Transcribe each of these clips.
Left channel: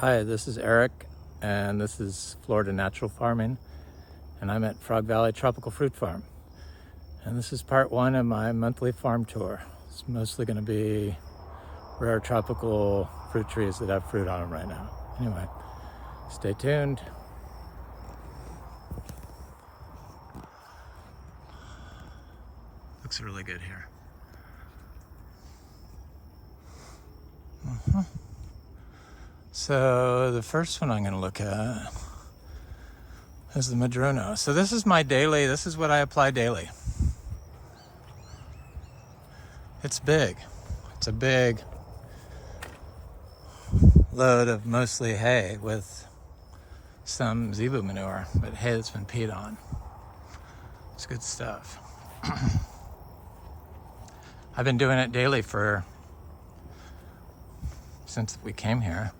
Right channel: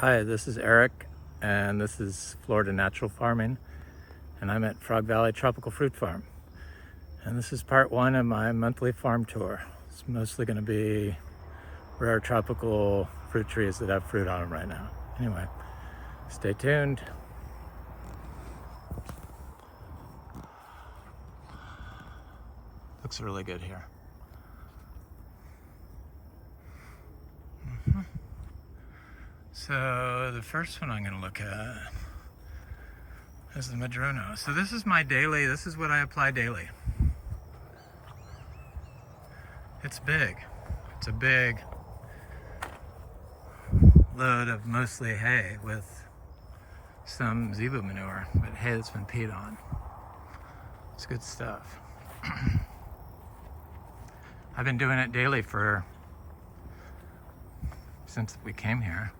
Hi, this is Eric, and this is Florida Natural Farming, and I'm at Frog Valley Tropical Fruit Farm. And this is part one of my monthly farm tour. It's mostly going to be rare tropical fruit trees that have fruit on them right now. Anyway, stay tuned. Looks really good here. So the first one I'm going to look at is the Madruno. So this is my daily, this is what I apply daily. It's big. It's a big load of mostly hay with some zebu manure, but hay that's been peed on. It's good stuff. I've been doing it daily since we came here.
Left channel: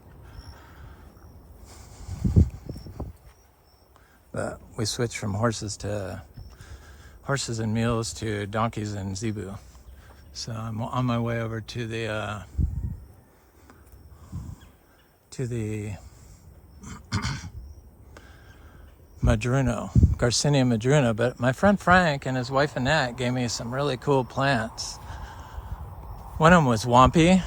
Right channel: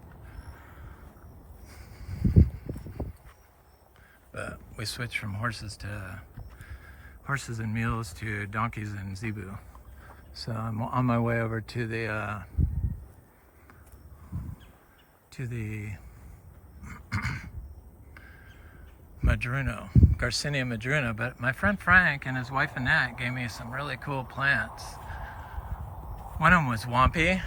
But we switched from horses and mules to donkeys and zebu. So I'm on my way over to the Madruno, Garcinia Madruno. But my friend Frank and his wife Annette gave me some really cool plants. One of them was Wampy,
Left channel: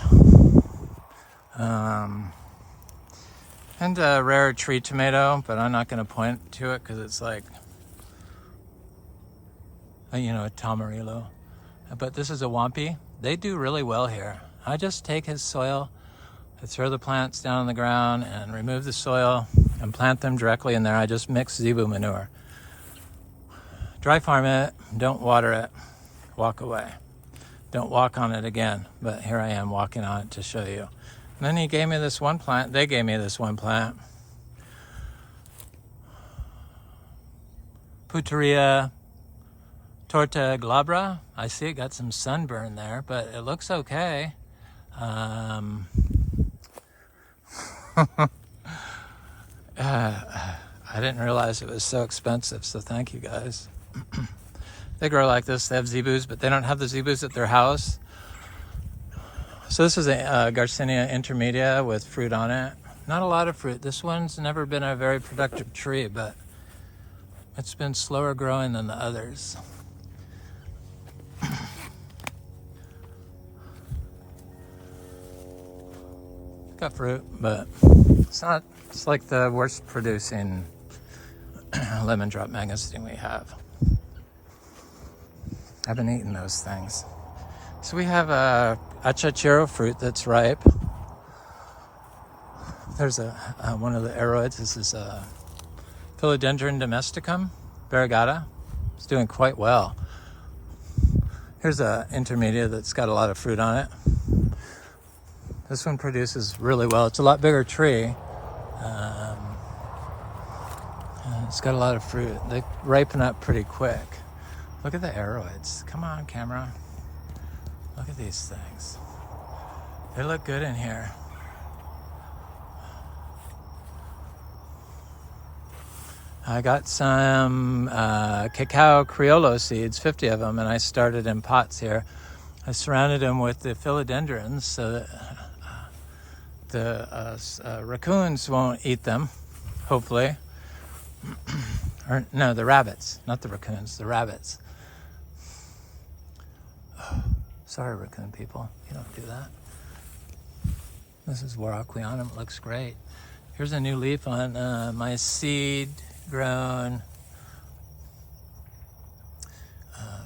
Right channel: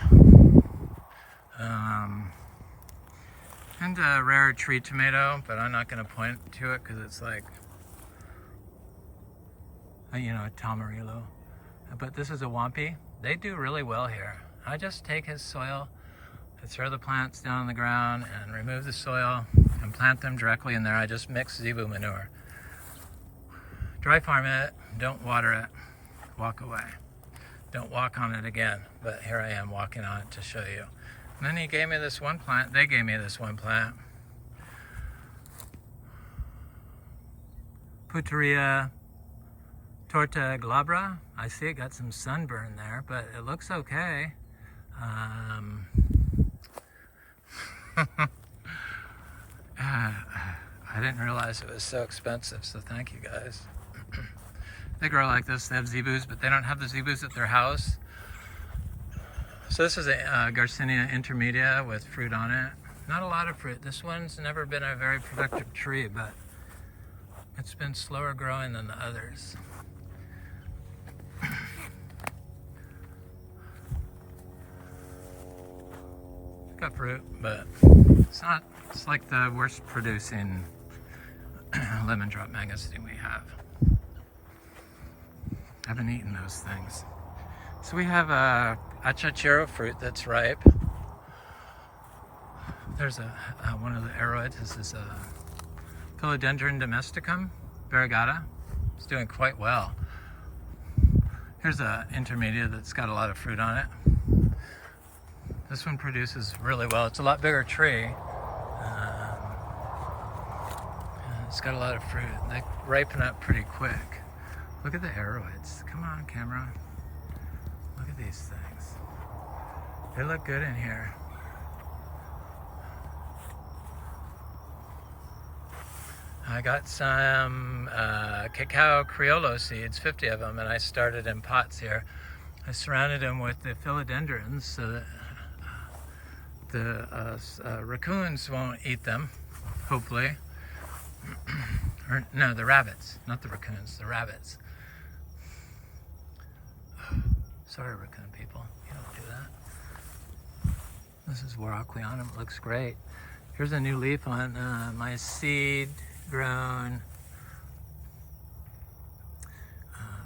and a rare tree tomato, but I'm not going to point to it because it's like, a Tamarilo. But this is a Wampy. They do really well here. I just take his soil, I throw the plants down on the ground and remove the soil and plant them directly in there. I just mix zebu manure. Dry farm it, don't water it, walk away. Don't walk on it again, but here I am walking on it to show you. And then he gave me this one plant. They gave me this one plant. Puteria torta glabra. I see it got some sunburn there, but it looks okay. I didn't realize it was so expensive, so thank you guys. They grow like this. They have zebus, but they don't have the zebus at their house. So this is a Garcinia intermedia with fruit on it. Not a lot of fruit. This one's never been a very productive tree, but it's been slower growing than the others. Got fruit, but it's like the worst producing lemon drop mangosteen we have. I've been eating those things. So we have a Achachairu fruit that's ripe. There's one of the aroids. This is a Philodendron domesticum, variegata. It's doing quite well. Here's a intermedia that's got a lot of fruit on it. This one produces really well. It's a lot bigger tree. It's got a lot of fruit. They ripen up pretty quick. Look at the aroids. Come on, camera. Look at these things. They look good in here. I got some Cacao Criolo seeds, 50 of them, and I started in pots here. I surrounded them with the philodendrons so that the raccoons won't eat them, hopefully. Or no, the rabbits, not the raccoons, the rabbits. Sorry, raccoon people, you don't do that. This is Warocleonum, it looks great. Here's a new leaf on my seed-grown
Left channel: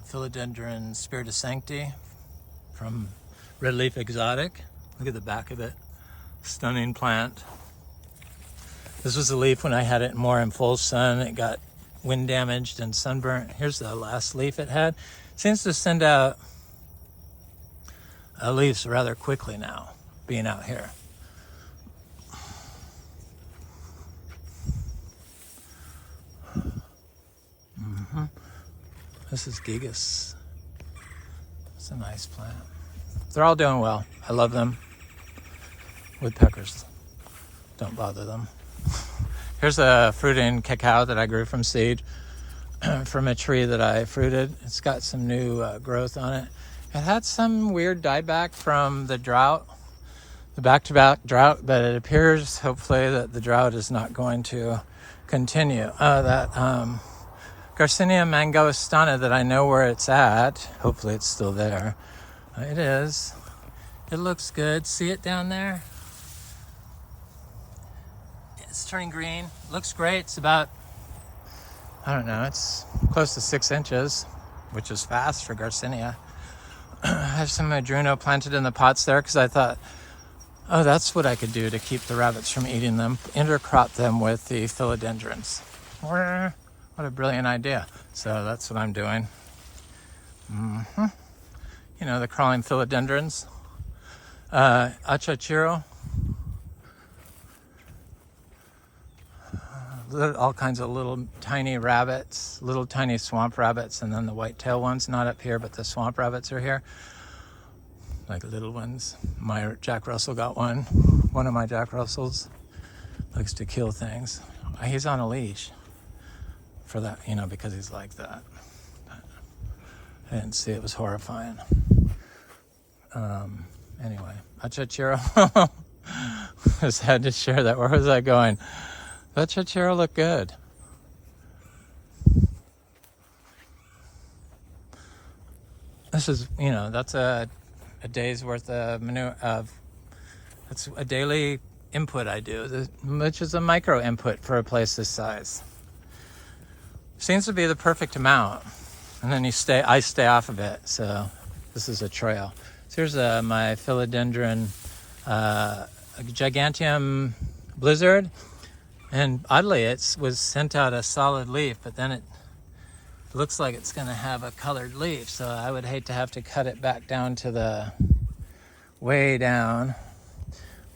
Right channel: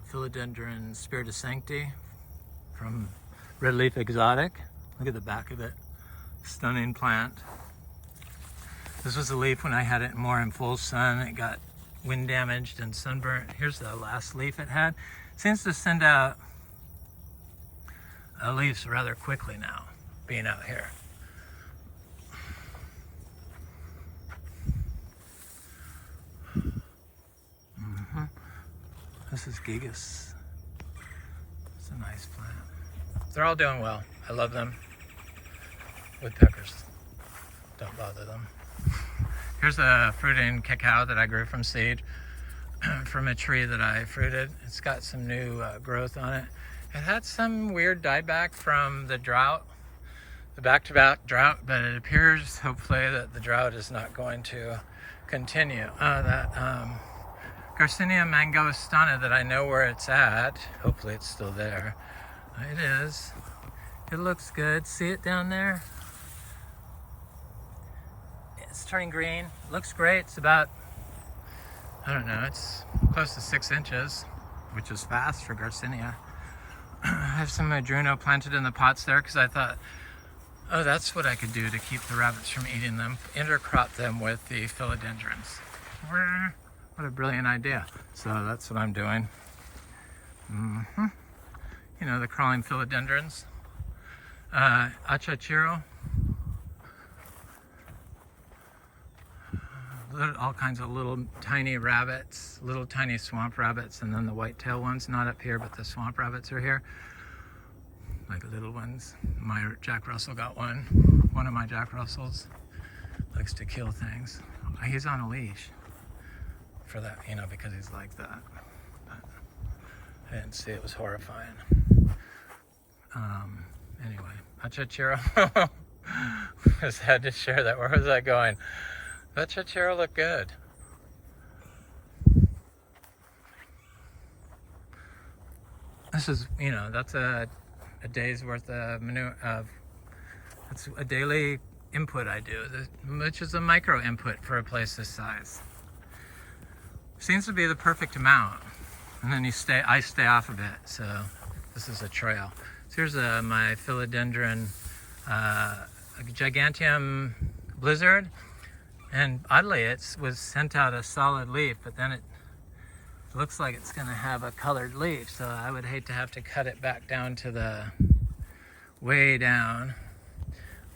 Philodendron Spiritus Sancti from Red Leaf Exotic. Look at the back of it, stunning plant. This was a leaf when I had it more in full sun. It got wind damaged and sunburnt. Here's the last leaf it had. It seems to send out leaves rather quickly now, being out here. This is gigas. It's a nice plant. They're all doing well. I love them. Woodpeckers, don't bother them. Here's a fruiting cacao that I grew from seed from a tree that I fruited. It's got some new growth on it. It had some weird dieback from the drought, the back-to-back drought, but it appears hopefully that the drought is not going to continue. That Garcinia mangostana that I know where it's at, hopefully it's still there. It is. It looks good. See it down there? It's turning green. Looks great. It's about, I don't know, it's close to 6 inches, which is fast for Garcinia. I have some Madruno planted in the pots there because I thought, oh, that's what I could do to keep the rabbits from eating them. Intercrop them with the philodendrons. What a brilliant idea. So that's what I'm doing. You know, the crawling philodendrons. Achachairu. All kinds of little tiny rabbits, little tiny swamp rabbits, and then the white-tailed ones, not up here, but the swamp rabbits are here. Like little ones. My Jack Russell got one. One of my Jack Russells likes to kill things. He's on a leash for that, you know, because he's like that. But I didn't see, it was horrifying. Anyway, Achachairu. Just had to share that. Where was I going? Achachairu look good. This is, you know, that's a day's worth of manure. That's a daily input I do, which is a micro input for a place this size. Seems to be the perfect amount, and then I stay off of it. So this is a trail. So here's my philodendron giganteum blizzard. And oddly, it was sent out a solid leaf, but then it looks like it's going to have a colored leaf. So I would hate to have to cut it back down to the way down.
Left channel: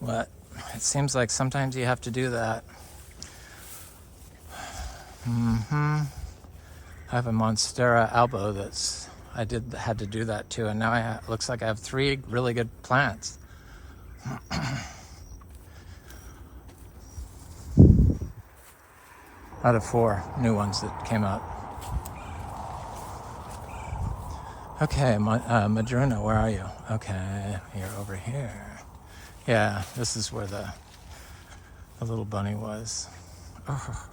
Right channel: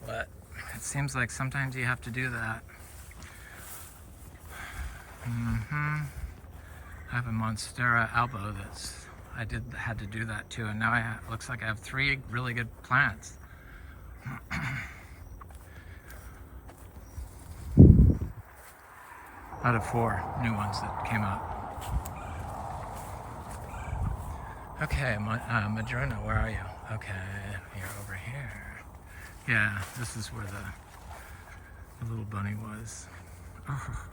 But it seems like sometimes you have to do that. I have a Monstera albo I had to do that too. And now looks like I have 3 really good plants. Out of 4 new ones that came out. Okay, Madruno, where are you? Okay, you're over here. Yeah, this is where the little bunny was. Oh.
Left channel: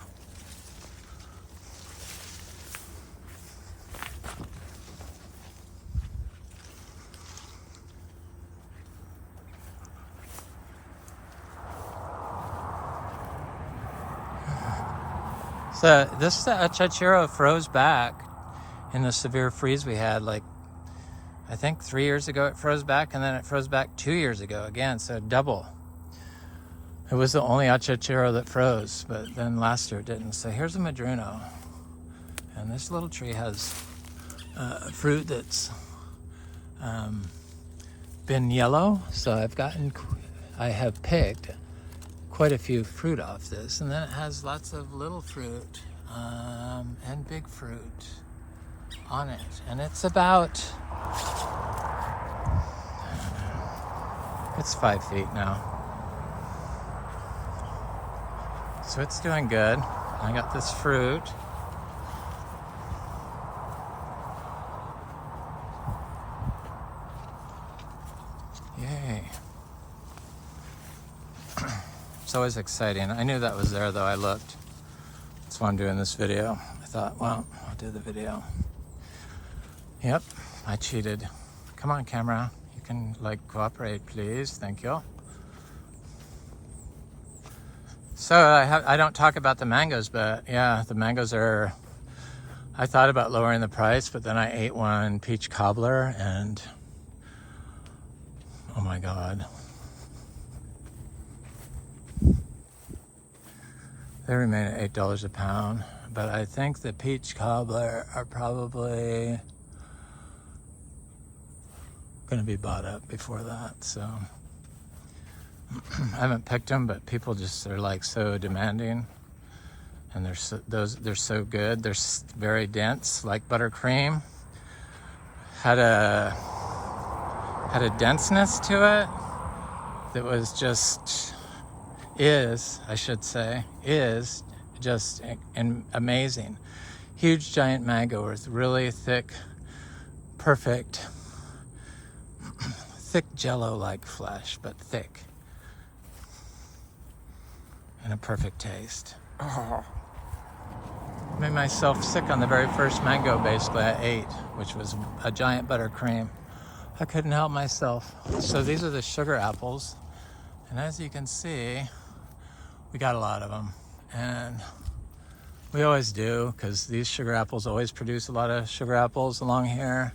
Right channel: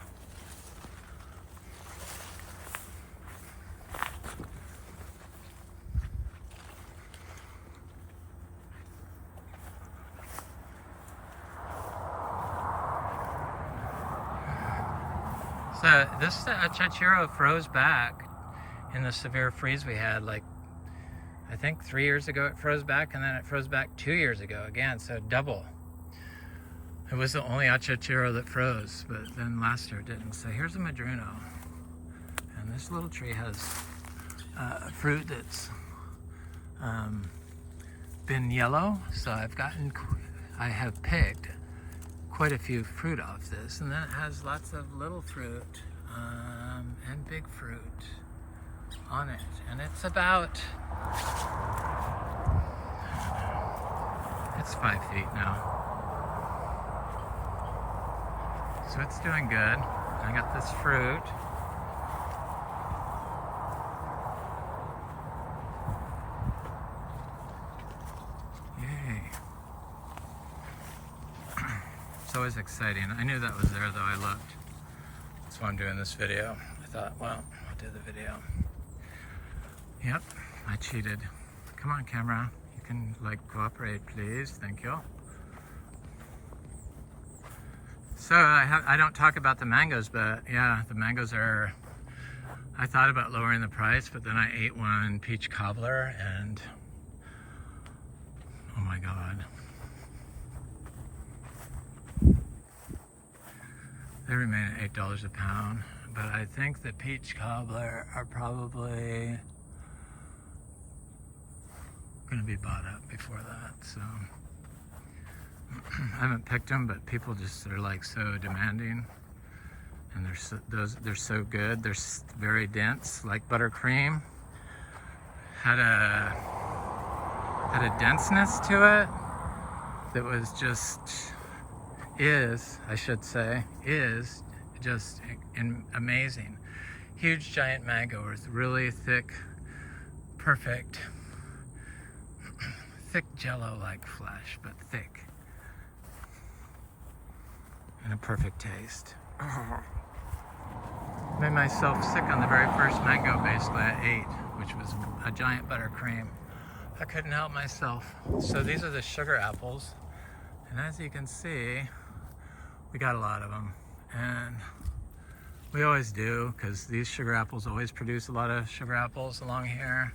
So this Achachairu froze back in the severe freeze we had, like I think 3 years ago it froze back, and then it froze back 2 years ago again, so double. It was the only Achachairu that froze, but then last year it didn't. So here's a Madruno, and this little tree has fruit that's been yellow, so I have picked quite a few fruit off this, and then it has lots of little fruit and big fruit on it, and it's about, it's 5 feet now, so it's doing good. I got this fruit. Yay. It's always exciting. I knew that was there though. I looked. That's why I'm doing this video. I thought, well, I'll do the video. Yep, I cheated. Come on, camera. You can cooperate, please. Thank you. So I don't talk about the mangoes, but yeah, the mangoes are, I thought about lowering the price, but then I ate one peach cobbler and oh my God. They remain at $8 a pound, but I think the peach cobbler are probably going to be bought up before that. So I haven't picked them, but people just are so demanding, and they're so good. They're very dense, like buttercream. Had a denseness to it that was just. Is just amazing. Huge giant mango with really thick, perfect, thick jello-like flesh, but thick. a perfect taste. Oh. Made myself sick on the very first mango basically I ate, which was a giant buttercream. I couldn't help myself. So these are the sugar apples, and as you can see, we got a lot of them, and we always do, because these sugar apples always produce a lot of sugar apples along here.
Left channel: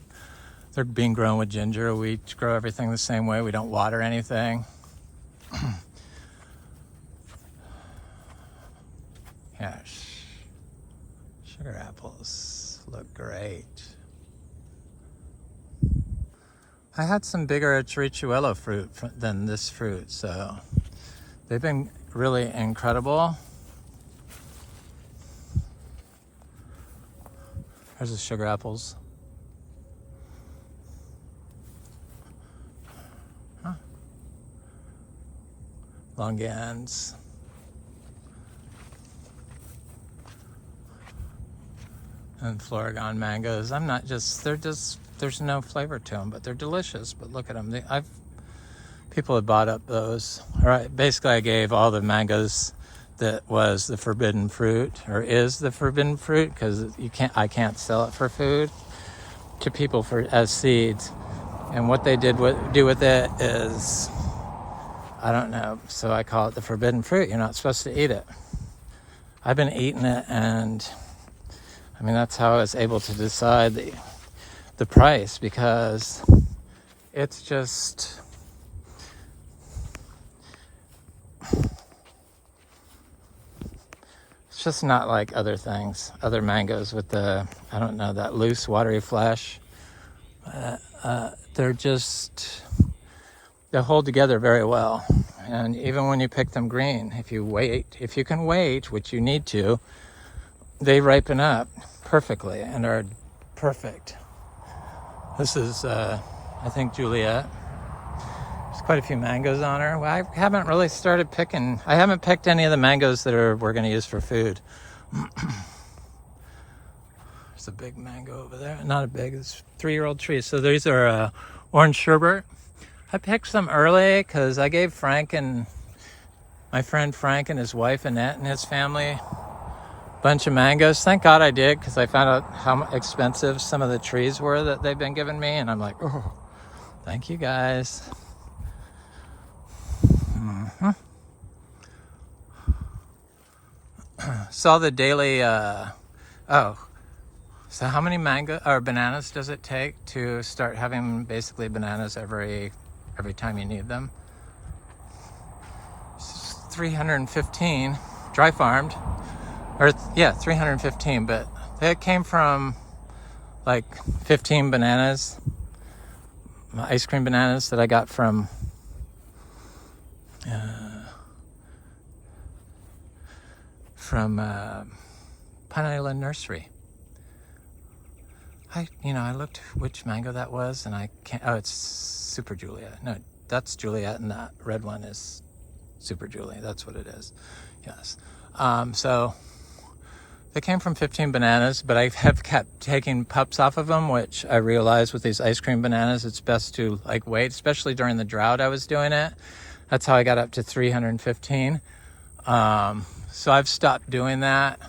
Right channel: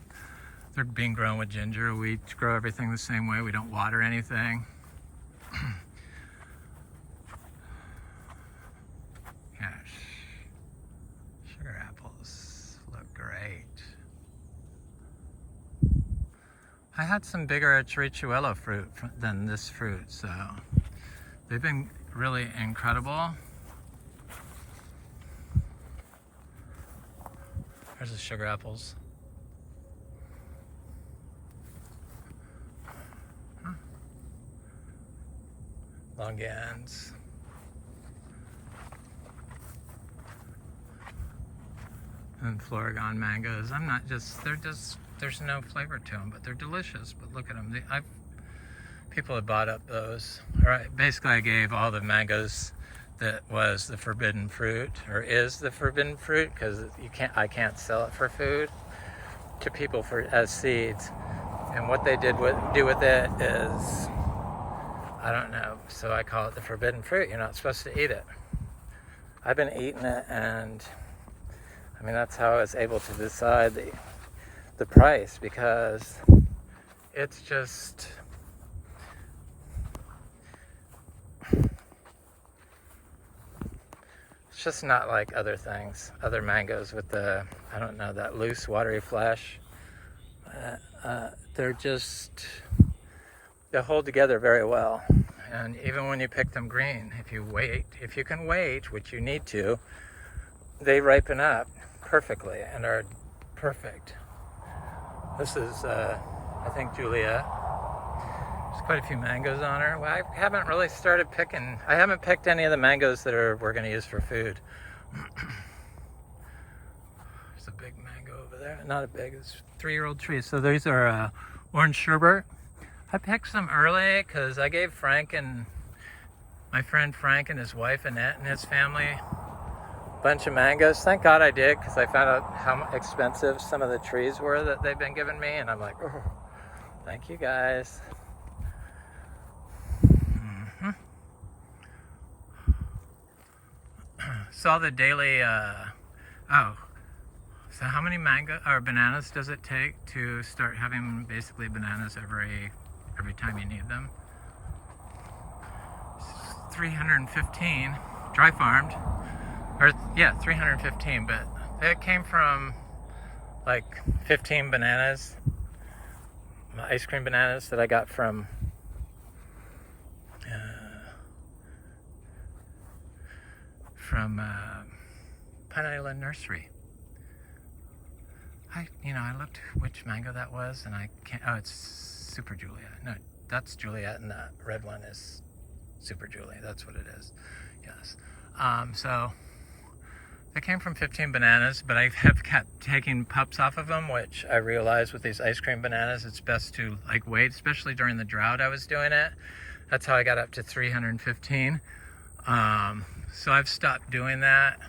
They're being grown with ginger. We grow everything the same way. We don't water anything. Yes. Sugar apples look great. I had some bigger Criolo fruit than this fruit, so they've been really incredible. There's the sugar apples. Huh. Longans. And Floragon mangoes. There's no flavor to them, but they're delicious. But look at them. People have bought up those. All right, basically I gave all the mangoes that was the forbidden fruit, or is the forbidden fruit, because I can't sell it for food, to people as seeds. And what they do with it is, I don't know. So I call it the forbidden fruit. You're not supposed to eat it. I've been eating it, and I mean, that's how I was able to decide the price, because it's just, it's just not like other things, other mangoes with the, I don't know, that loose watery flesh. They hold together very well. And even when you pick them green, if you can wait, which you need to, they ripen up perfectly and are perfect. This is, I think, Juliet. There's quite a few mangoes on her. Well, I haven't really started picking. I haven't picked any of the mangoes that we're going to use for food. There's a big mango over there. Not a big, it's a 3-year-old tree. So these are orange sherbet. I picked some early because I gave my friend Frank and his wife Annette and his family bunch of mangoes. Thank God I did, because I found out how expensive some of the trees were that they've been giving me, and I'm like, oh, thank you guys. Mm-hmm. Saw the daily, so how many bananas does it take to start having basically bananas every time you need them? 315, dry farmed. Or, yeah, 315, but that came from like 15 bananas, ice cream bananas that I got from Pine Island Nursery. I looked which mango that was, and I can't, oh, it's Super Juliet. No, that's Juliet, and that red one is Super Juliet. That's what it is. Yes. So they came from 15 bananas, but I have kept taking pups off of them, which I realized with these ice cream bananas, it's best to wait, especially during the drought I was doing it. That's how I got up to 315. So I've stopped doing that.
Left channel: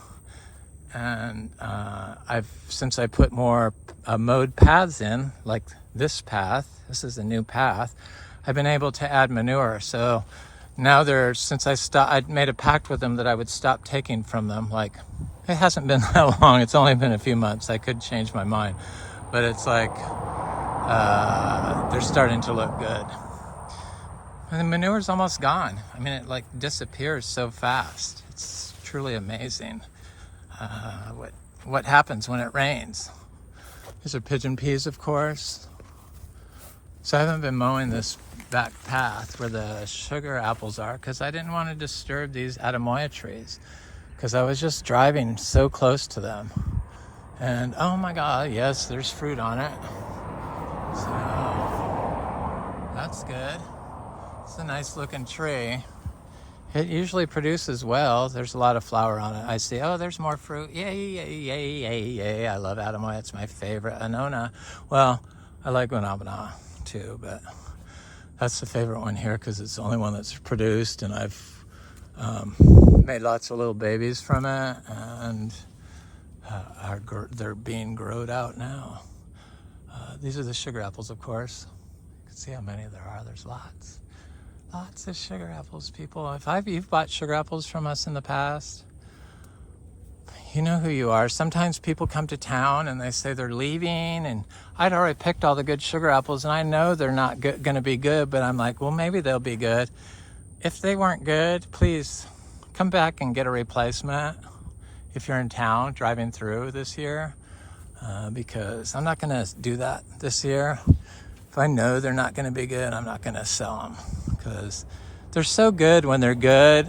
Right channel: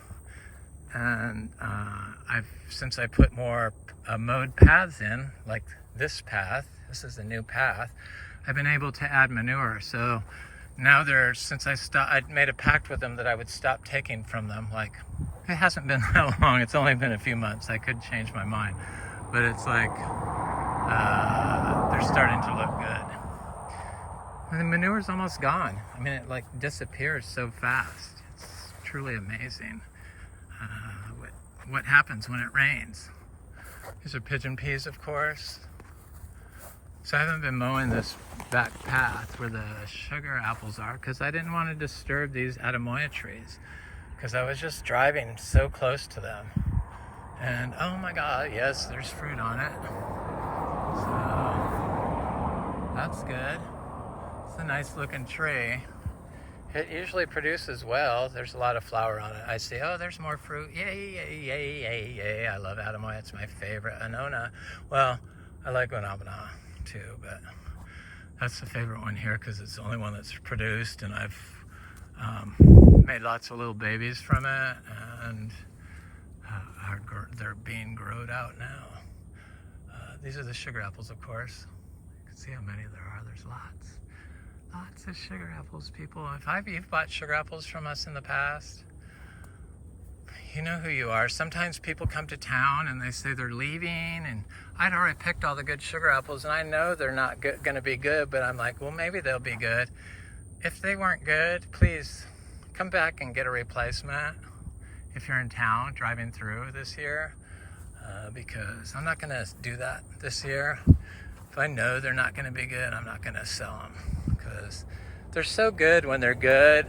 And since I put more mowed paths in, like this path, this is a new path, I've been able to add manure. So now since I made a pact with them that I would stop taking from them. It hasn't been that long. It's only been a few months. I could change my mind, but it's they're starting to look good. And the manure's almost gone. I mean, it disappears so fast. It's truly amazing what happens when it rains. These are pigeon peas, of course. So I haven't been mowing this back path where the sugar apples are, because I didn't want to disturb these Atemoya trees, because I was just driving so close to them. And oh my God, yes, there's fruit on it. So that's good. It's a nice looking tree. It usually produces well. There's a lot of flower on it. I see, oh, there's more fruit. Yay, yay, yay, yay, yay. I love Atemoya. It's my favorite. Annona. Well, I like Guanabana too, but that's the favorite one here because it's the only one that's produced, and I've made lots of little babies from it, and they're being growed out now. These are the sugar apples, of course. You can see how many there are. There's lots of sugar apples, people. If you've bought sugar apples from us in the past, you know who you are. Sometimes people come to town and they say they're leaving, and I'd already picked all the good sugar apples, and I know they're not going to be good, but I'm like, well, maybe they'll be good. If they weren't good, please come back and get a replacement if you're in town driving through this year, because I'm not going to do that this year. If I know they're not going to be good, I'm not going to sell them, because they're so good when they're good,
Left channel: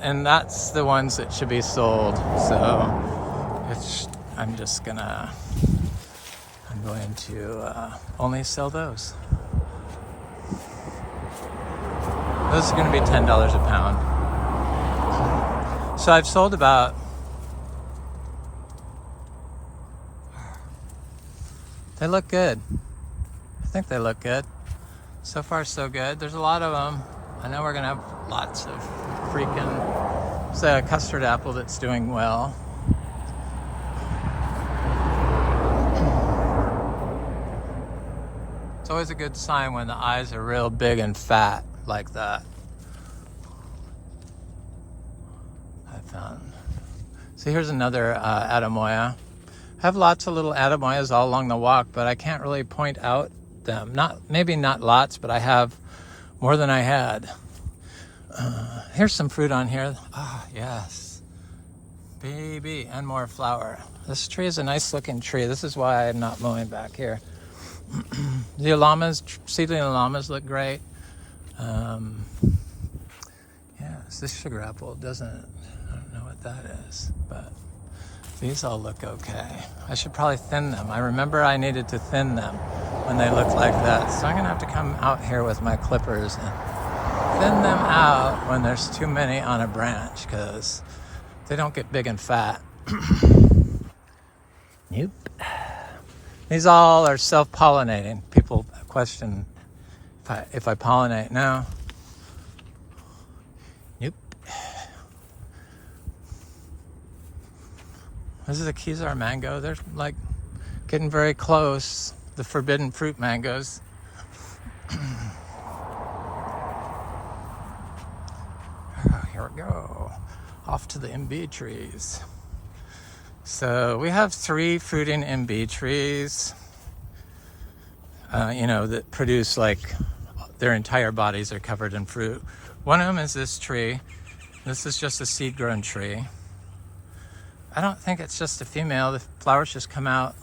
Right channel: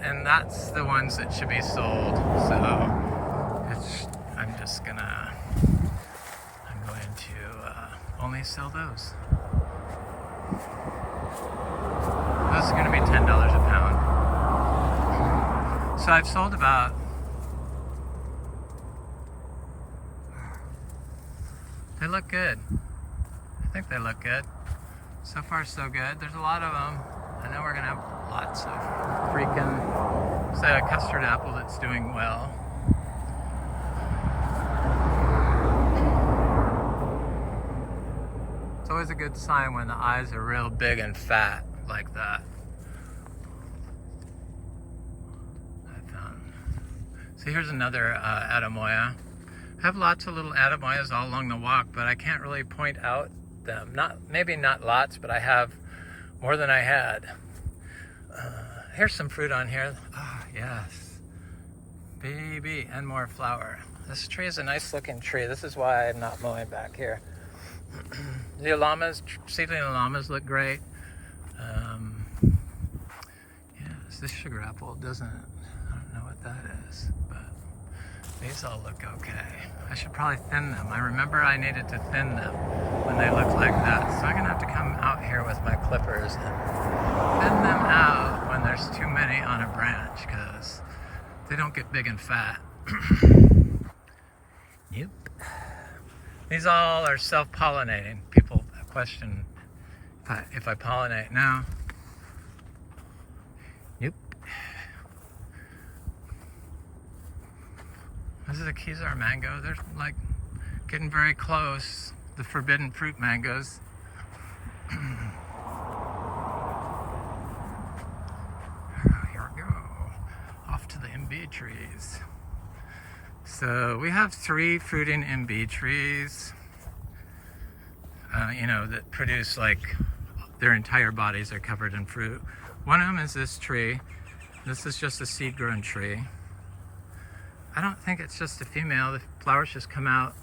and that's the ones that should be sold. So I'm going to only sell those. Those are going to be $10 a pound. So I've sold about, they look good. I think they look good. So far, so good. There's a lot of them. I know we're gonna have lots of freaking, it's a custard apple that's doing well. It's always a good sign when the eyes are real big and fat like that. So here's another Atemoya. I have lots of little Atemoyas all along the walk, but I can't really point out them. Maybe not lots, but I have more than I had. Here's some fruit on here. Ah, yes. Baby, and more flower. This tree is a nice looking tree. This is why I'm not mowing back here. The llamas, seedling llamas look great. Yes, this sugar apple doesn't, I don't know what that is, but these all look okay. I should probably thin them. I remember I needed to thin them when they look like that. So I'm gonna have to come out here with my clippers and thin them out when there's too many on a branch, because they don't get big and fat. Nope. These all are self-pollinating. People question if I pollinate. No. Nope. This is a Kizar mango. They're like getting very close. The forbidden fruit mangoes. Here we go. Off to the Imbe trees. So we have 3 fruiting Imbe trees, that produce, like, their entire bodies are covered in fruit. One of them is this tree. This is just a seed-grown tree. I don't think it's just a female. The flowers just come out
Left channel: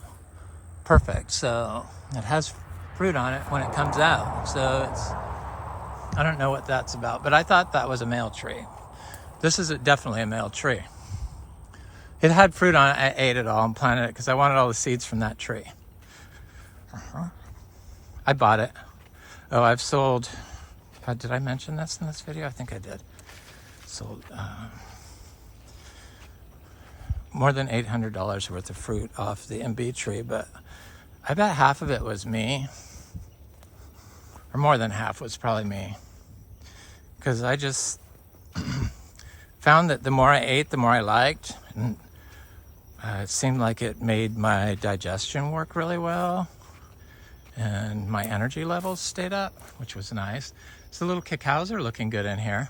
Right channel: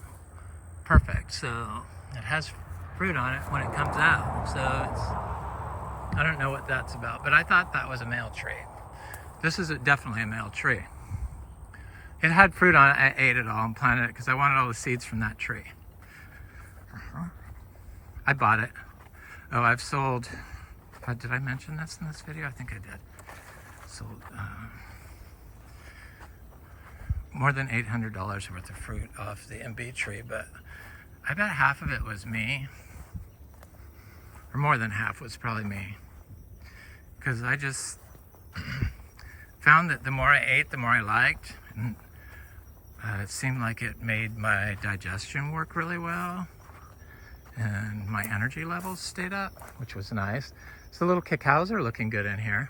perfect. So it has fruit on it when it comes out. So I don't know what that's about, but I thought that was a male tree. This is definitely a male tree. It had fruit on it. I ate it all and planted it because I wanted all the seeds from that tree. I bought it. Oh, I've sold, did I mention this in this video? I think I did. Sold more than $800 worth of fruit off the Imbe tree, but I bet half of it was me, or more than half was probably me, because I just found that the more I ate, the more I liked, and it seemed like it made my digestion work really well, and my energy levels stayed up, which was nice. So the little cacaos are looking good in here.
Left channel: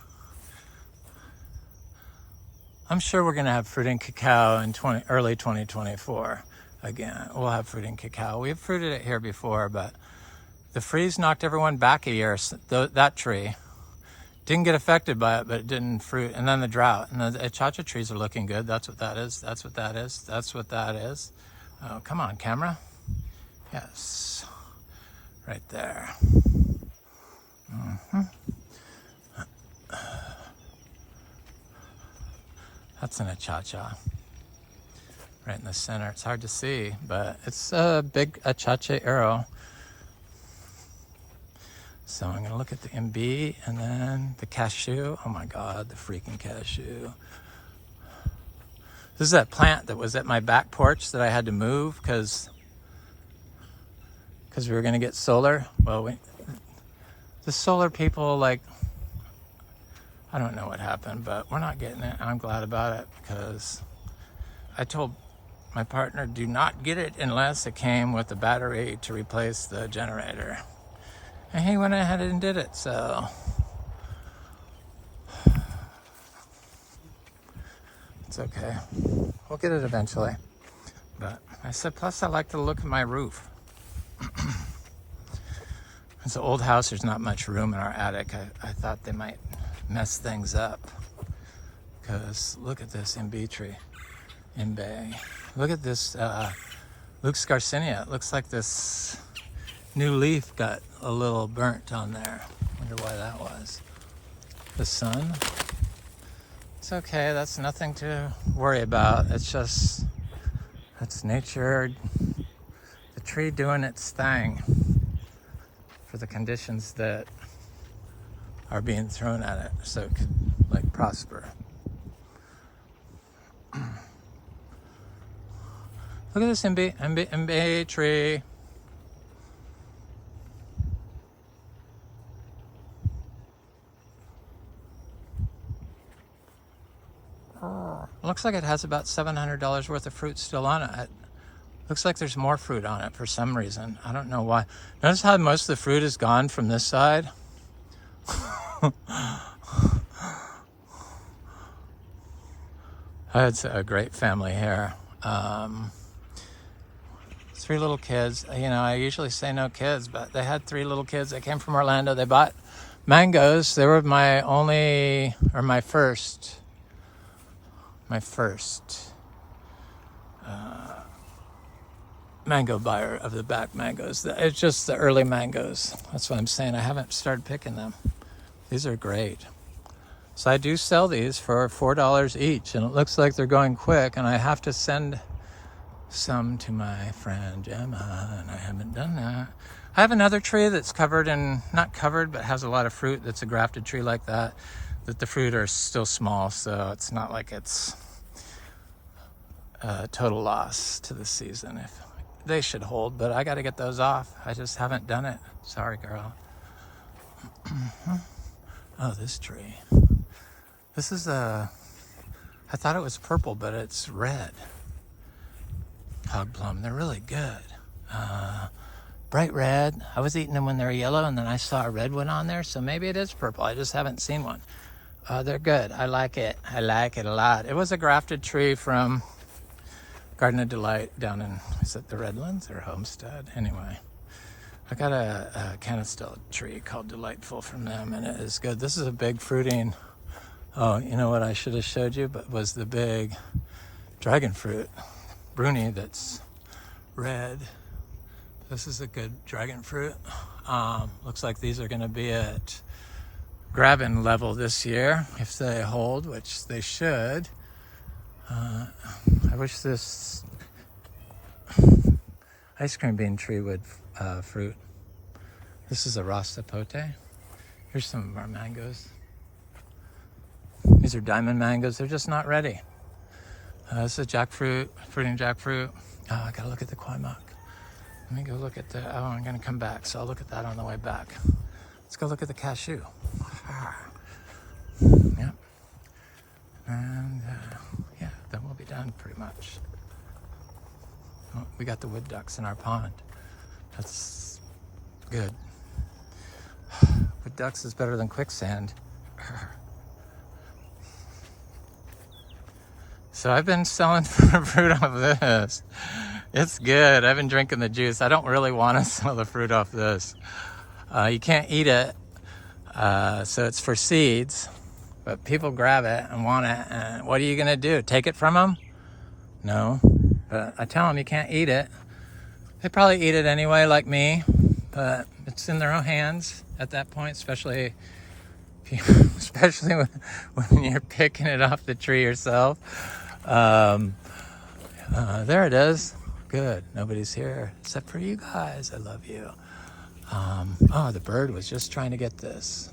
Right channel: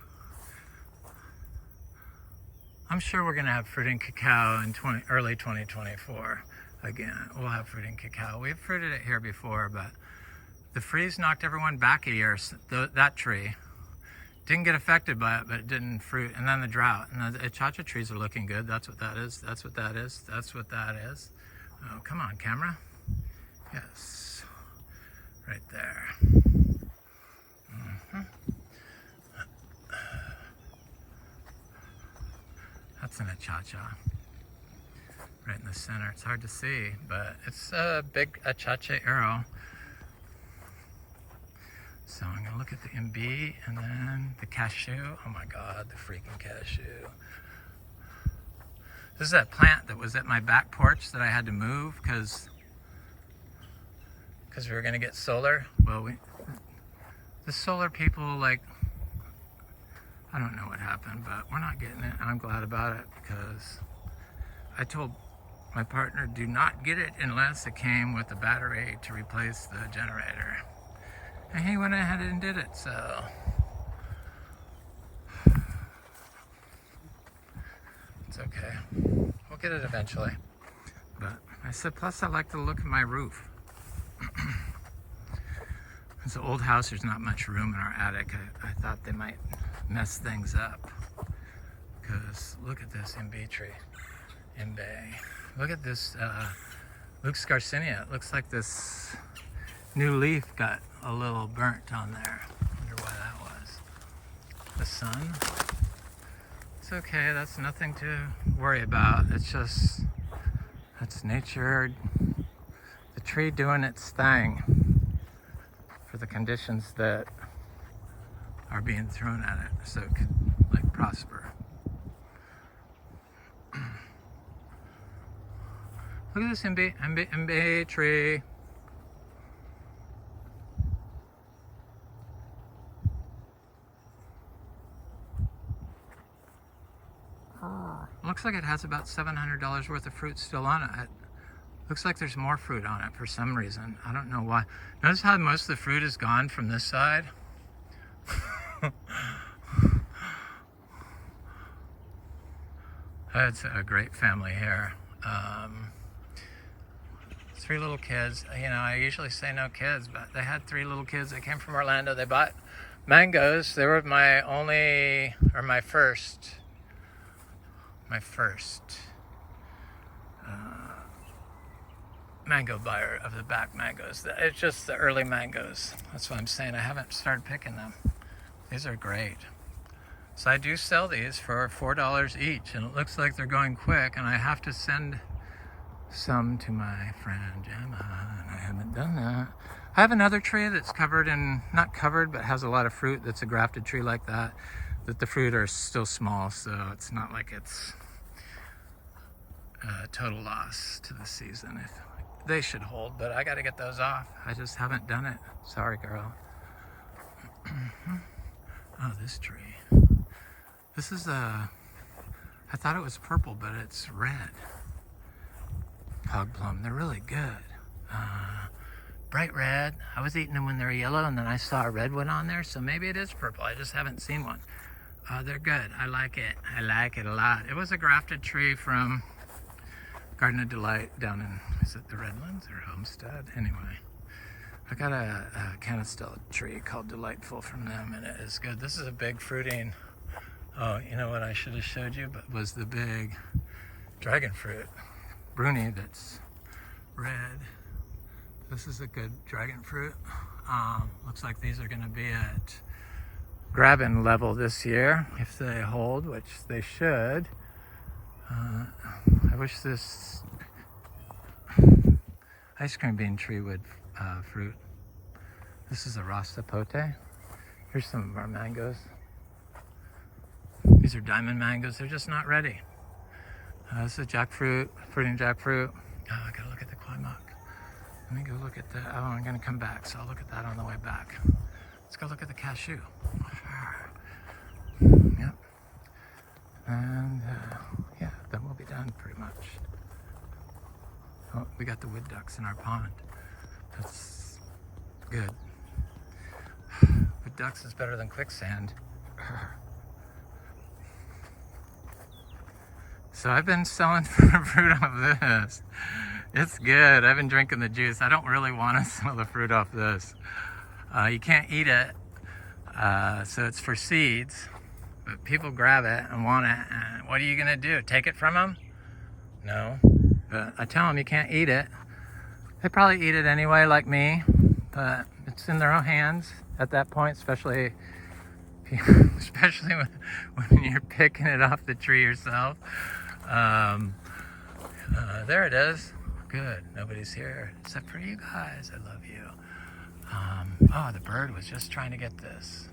I'm sure we're gonna have fruit and cacao in early 2024. Again, we'll have fruit and cacao. We've fruited it here before, but the freeze knocked everyone back a year. That tree didn't get affected by it, but it didn't fruit. And then the drought. And the Achachairu trees are looking good. That's what that is. That's what that is. That's what that is. Oh, come on, camera. Yes. Right there. That's an Achachairu. Right in the center. It's hard to see, but it's a big Achachairu. So I'm gonna look at the Imbe and then the Cashew. Oh my God, the freaking Cashew. This is that plant that was at my back porch that I had to move because we were gonna get solar. Well, the solar people, like, I don't know what happened, but we're not getting it. I'm glad about it because I told my partner, do not get it unless it came with a battery to replace the generator. And he went ahead and did it, so. It's okay. We'll get it eventually. But I said, plus I like to look at my roof. It's an old house, there's not much room in our attic. I thought they might mess things up. Because look at this Imbe tree. Imbe. Look at this Luke's Garcinia. It looks like this new leaf got a little burnt on there. Wonder why that was. The sun. It's okay, that's nothing to worry about. It's just, that's nature, the tree doing its thing for the conditions that are being thrown at it so it could like prosper. Look at this Imbe tree. Looks like it has about $700 worth of fruit still on it. Looks like there's more fruit on it for some reason. I don't know why. Notice how most of the fruit is gone from this side? It's a great family here. 3 little kids. You know, I usually say no kids, but they had 3 little kids. They came from Orlando. They bought mangoes. They were my first mango buyer of the back mangoes. It's just the early mangoes. That's what I'm saying. I haven't started picking them. These are great. So I do sell these for $4 each, and it looks like they're going quick, and I have to send some to my friend Gemma, and I haven't done that. I have another tree that's covered in, not covered, but has a lot of fruit. That's a grafted tree like that the fruit are still small, so it's not like it's a total loss to the season. If they should hold, but I got to get those off. I just haven't done it. Sorry, girl. Oh, this tree. This is I thought it was purple, but it's red. Hog plum. They're really good. Bright red. I was eating them when they were yellow, and then I saw a red one on there, so maybe it is purple. I just haven't seen one. They're good. I like it. I like it a lot. It was a grafted tree from Garden of Delight down in, is it the Redlands or Homestead? Anyway, I got a canistell tree called Delightful from them, and it is good. This is a big fruiting. Oh, you know what I should have showed you, but was the big dragon fruit. Bruni that's red. This is a good dragon fruit. Looks like these are going to be at grabbing level this year if they hold, which they should. I wish this ice cream bean tree would fruit. This is a Rasta Pote. Here's some of our mangoes. These are diamond mangoes. They're just not ready. This is jackfruit, fruiting jackfruit. Oh, I gotta look at the Kwai. Let me go look at the, oh, I'm gonna come back, so I'll look at that on the way back. Let's go look at the cashew. Yep. And yeah, then we'll be done pretty much. Oh, we got the wood ducks in our pond. That's good. Wood ducks is better than quicksand. So I've been selling fruit off this. It's good. I've been drinking the juice. I don't really want to sell the fruit off this. You can't eat it, so it's for seeds. But people grab it and want it, and what are you gonna do? Take it from them? No. But I tell them you can't eat it. They probably eat it anyway, like me. But it's in their own hands at that point, especially when you're picking it off the tree yourself. There it is. Good. Nobody's here except for you guys. I love you. Oh, the bird was just trying to get this.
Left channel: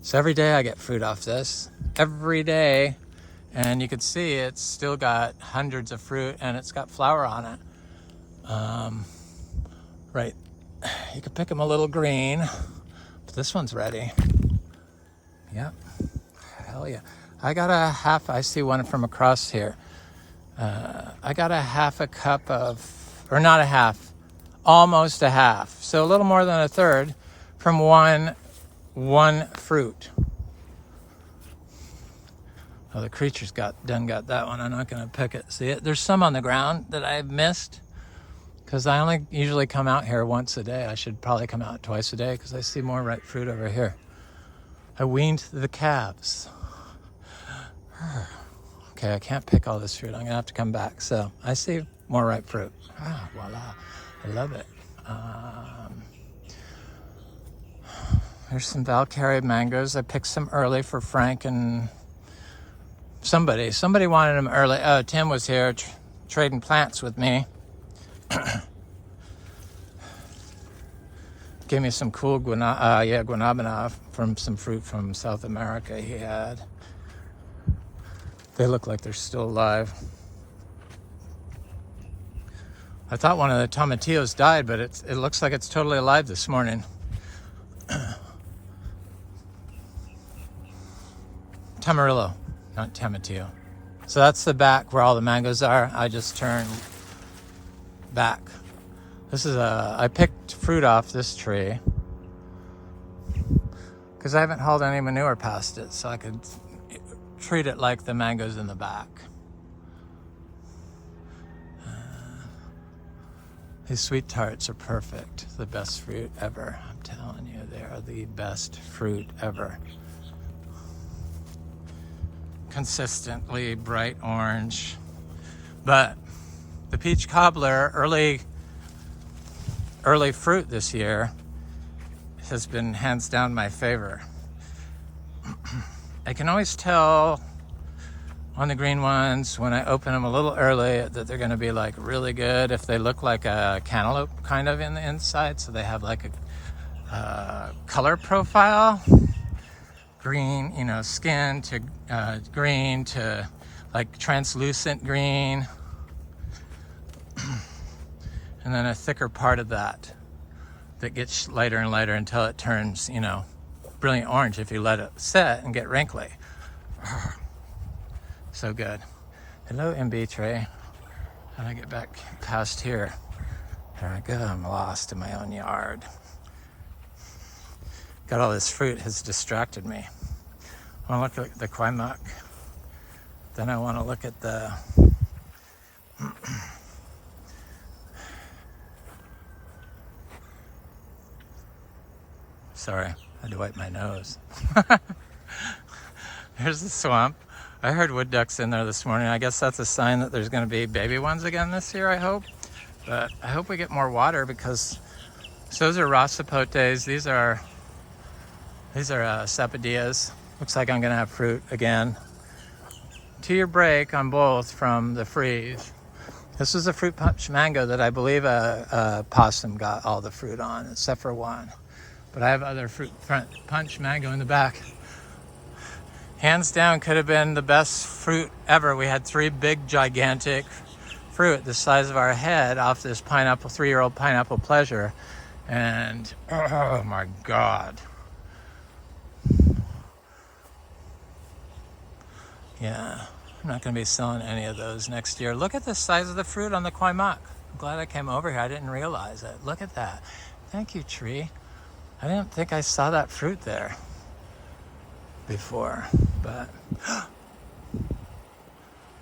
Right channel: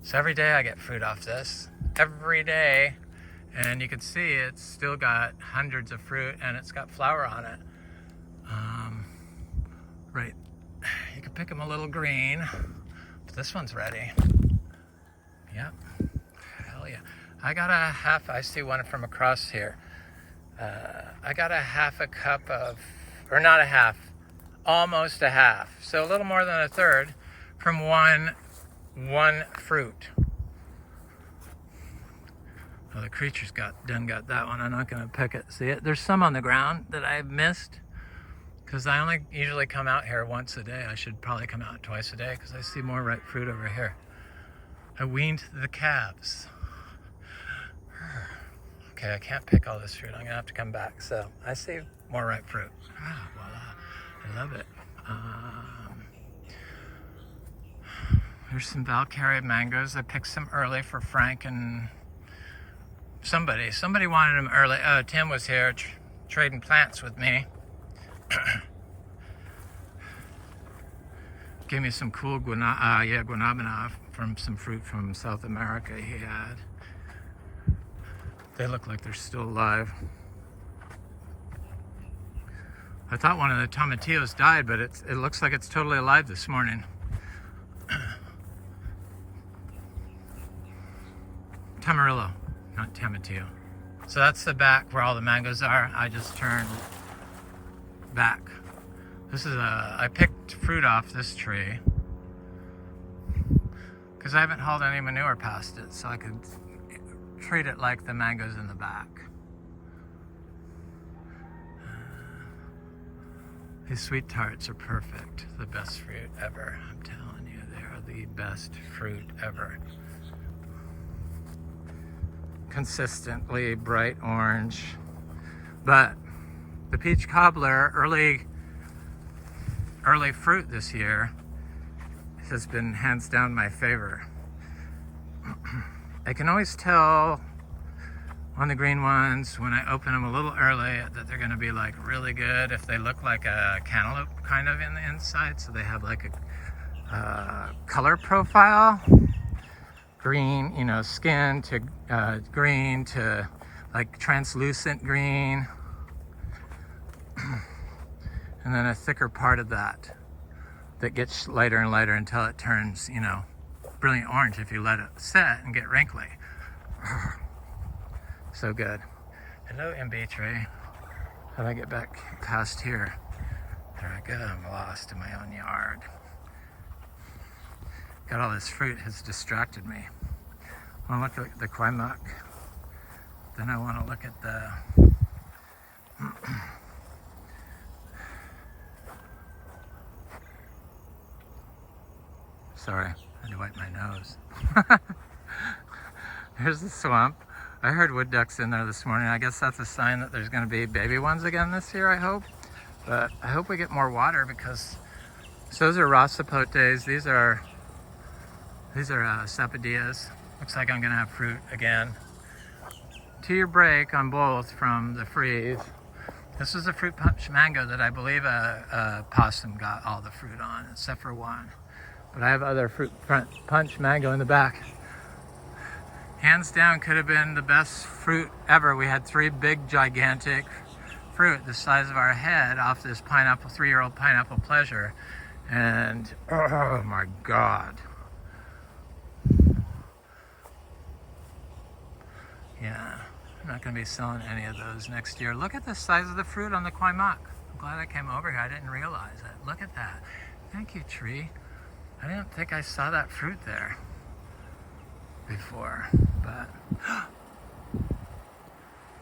So every day I get fruit off this. Every day. And you can see it's still got hundreds of fruit and it's got flower on it. Right. You can pick them a little green. But this one's ready. Yep. Hell yeah. I got a half, I see one from across here. I got a half a cup of, or not a half, almost a half. So a little more than a third from one fruit. Oh, the creature's got that one. I'm not gonna pick it. See it? There's some on the ground that I've missed because I only usually come out here once a day. I should probably come out twice a day because I see more ripe fruit over here. I weaned the calves. Okay, I can't pick all this fruit. I'm gonna have to come back. So I see more ripe fruit. Ah, voila, I love it. There's some Valkyrie mangoes. I picked some early for Frank and somebody wanted them early. Oh, Tim was here trading plants with me. Gave me some cool guanabana from some fruit from South America he had. They look like they're still alive. I thought one of the tomatillos died, but it looks like it's totally alive this morning. Tamarillo, not tomatillo. So that's the back where all the mangoes are. I just turned back. This is I picked fruit off this tree because I haven't hauled any manure past it, so I could treat it like the mangoes in the back. These sweet tarts are perfect. The best fruit ever. I'm telling you, they are the best fruit ever. Consistently bright orange. But the peach cobbler, early fruit this year, has been hands down my favor. I can always tell on the green ones when I open them a little early that they're going to be like really good if they look like a cantaloupe kind of in the inside, so they have like a color profile, green, you know, skin to green to like translucent green, and then a thicker part of that gets lighter and lighter until it turns, you know, brilliant orange if you let it set and get wrinkly. So good. Hello, Imbe tray. How do I get back past here? There I go. I'm lost in my own yard. Got all this fruit has distracted me. I want to look at the Kwai muck. Then I want to look at the sorry, I had to wipe my nose. There's the swamp. I heard wood ducks in there this morning. I guess that's a sign that there's going to be baby ones again this year, I hope. But I hope we get more water because so those are rasapotes. These are sapodillas. Looks like I'm going to have fruit again. 2-year break on both from the freeze. This is a fruit punch mango that I believe a possum got all the fruit on, except for one. But I have other fruit punch mango in the back. Hands down, could have been the best fruit ever. We had 3 big, gigantic fruit the size of our head off this pineapple, 3-year-old pineapple pleasure. And oh my God. Yeah, I'm not going to be selling any of those next year. Look at the size of the fruit on the Kwai muck. I'm glad I came over here. I didn't realize it. Look at that. Thank you, tree. I didn't think I saw that fruit there before, but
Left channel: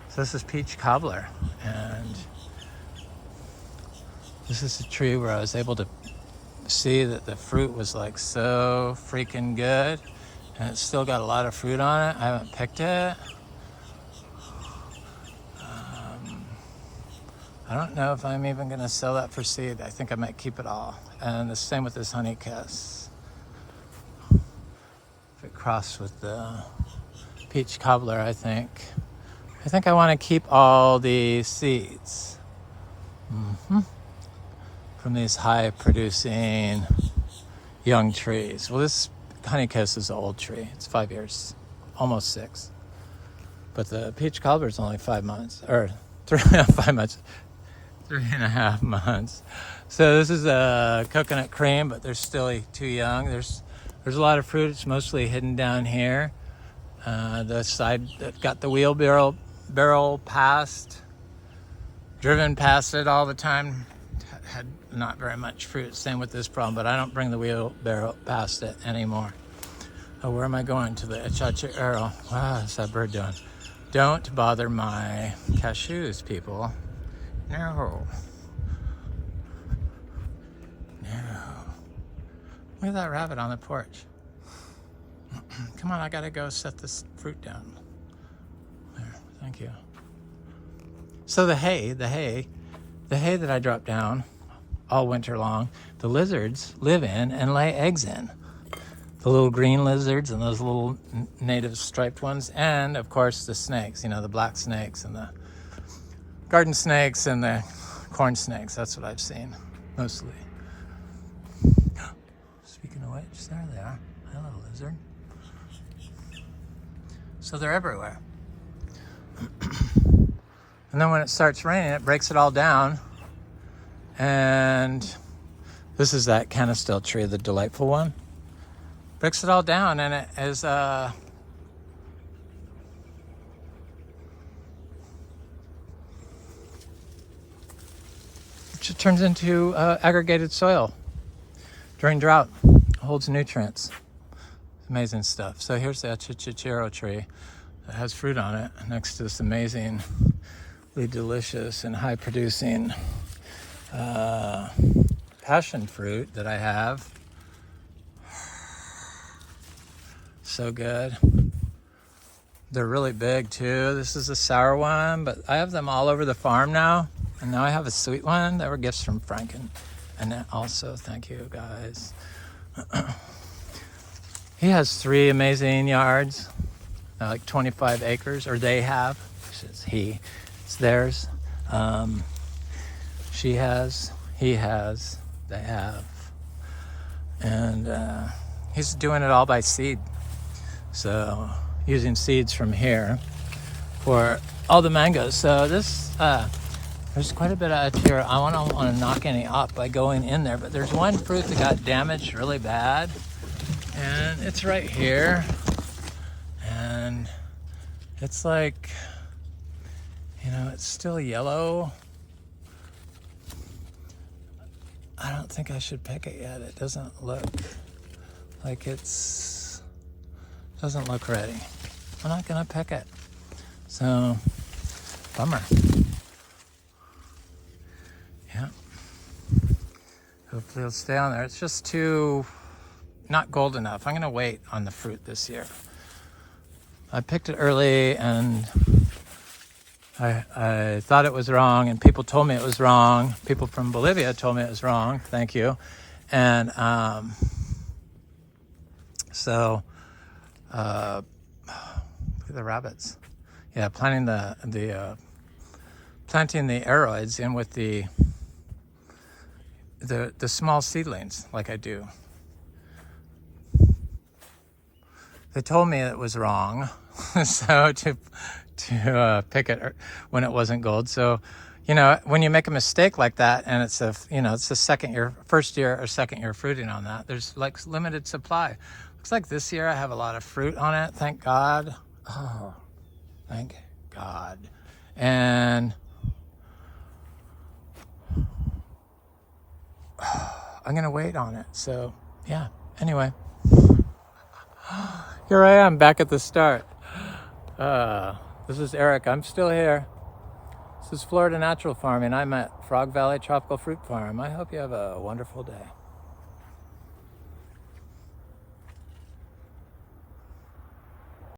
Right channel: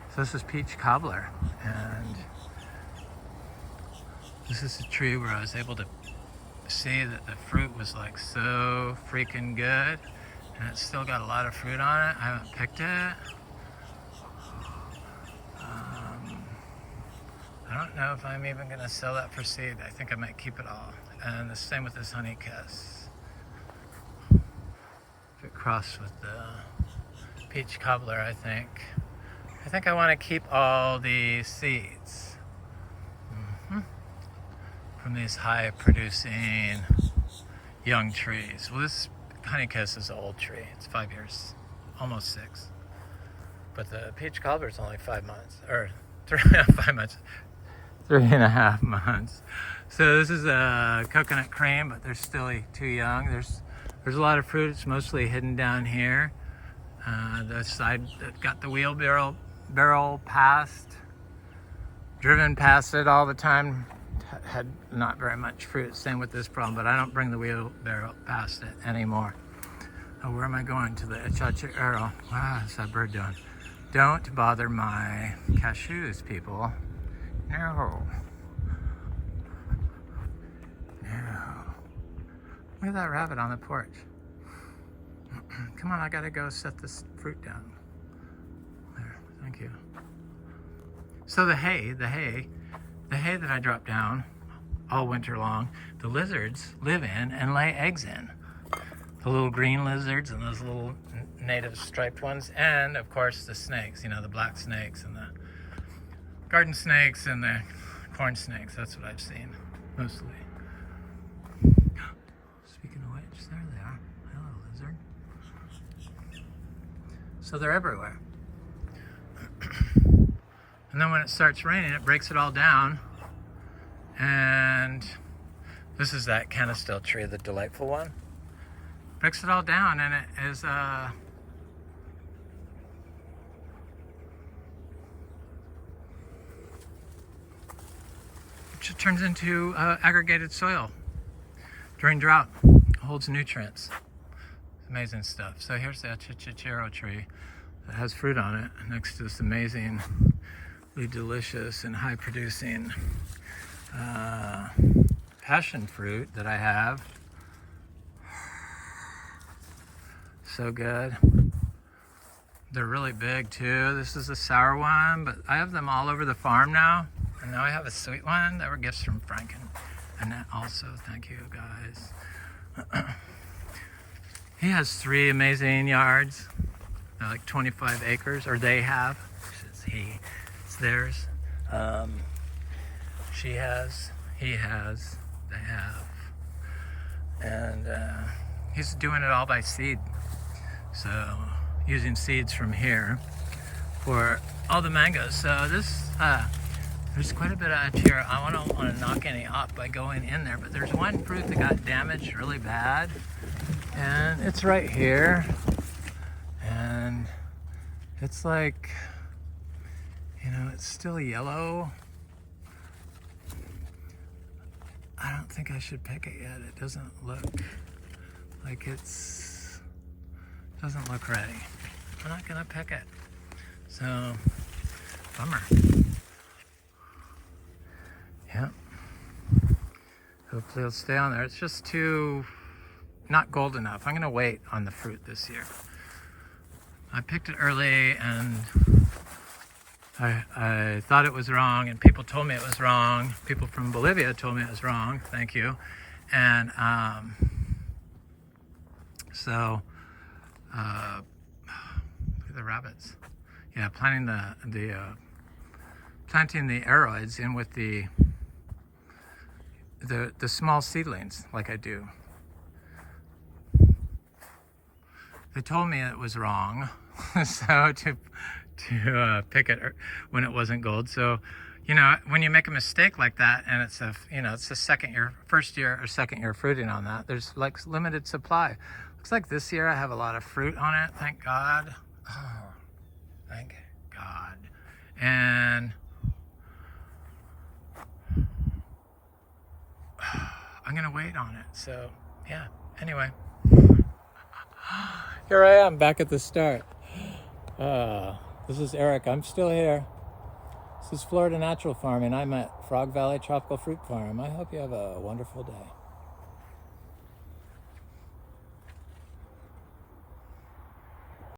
so this is peach cobbler, and this is a tree where I was able to see that the fruit was like so freaking good, and it's still got a lot of fruit on it. I haven't picked it. I don't know if I'm even going to sell that for seed. I think I might keep it all. And the same with this honey kiss. If it crossed with the peach cobbler, I think I want to keep all the seeds from these high producing young trees. Well, this honey kiss is an old tree. It's 5 years, almost 6. But the peach cobbler is only 5 months, or 5 months. 3.5 months. So this is a coconut cream, but they're still too young. There's There's a lot of fruit. It's mostly hidden down here. The side that got the wheelbarrow past, driven past it all the time, had not very much fruit. Same with this problem, but I don't bring the wheelbarrow past it anymore. Oh, where am I going? To the Achachairu. Wow, what's that bird doing? Don't bother my cashews, people. No. No. Look at that rabbit on the porch. Come on, I gotta go set this fruit down. There, thank you. So the hay that I drop down all winter long, the lizards live in and lay eggs in. The little green lizards and those little native striped ones, and of course the snakes, you know, the black snakes and the garden snakes and the corn snakes. That's what I've seen, mostly. Speaking of which, there they are. Hello, lizard. So they're everywhere. And then when it starts raining, it breaks it all down. And this is that canistel tree, the delightful one. Breaks it all down, and it is it just turns into aggregated soil during drought. It holds nutrients. Amazing stuff. So here's the Achachairu tree that has fruit on it next to this amazingly delicious and high producing passion fruit that I have. So good. They're really big too. This is a sour one, but I have them all over the farm now. And now I have a sweet one that were gifts from Frank and Annette also. Thank you guys. He has 3 amazing yards, like 25 acres, or they have. It's he, it's theirs. She has, he has, they have. And he's doing it all by seed. So using seeds from here for all the mangoes. So this, there's quite a bit out here. I don't want to knock any off by going in there, but there's one fruit that got damaged really bad. And it's right here. And it's like, you know, it's still yellow. I don't think I should pick it yet. It doesn't look like doesn't look ready. I'm not gonna pick it. So, bummer. Yeah. Hopefully it'll stay on there. It's just too, not gold enough. I'm gonna wait on the fruit this year. I picked it early and I thought it was wrong, and people told me it was wrong. People from Bolivia told me it was wrong. Thank you. And so look at the rabbits. Yeah, planting the aroids in with the small seedlings, like I do. They told me it was wrong, so to pick it when it wasn't gold. So, you know, when you make a mistake like that, and it's the first year or second year fruiting on that, there's like limited supply. Looks like this year I have a lot of fruit on it. Thank God. Oh, thank God. And I'm gonna wait on it. So yeah. Anyway, here I am back at the start. This is Eric. I'm still here. This is Florida Natural Farming. I'm at Frog Valley Tropical Fruit Farm. I hope you have a wonderful day.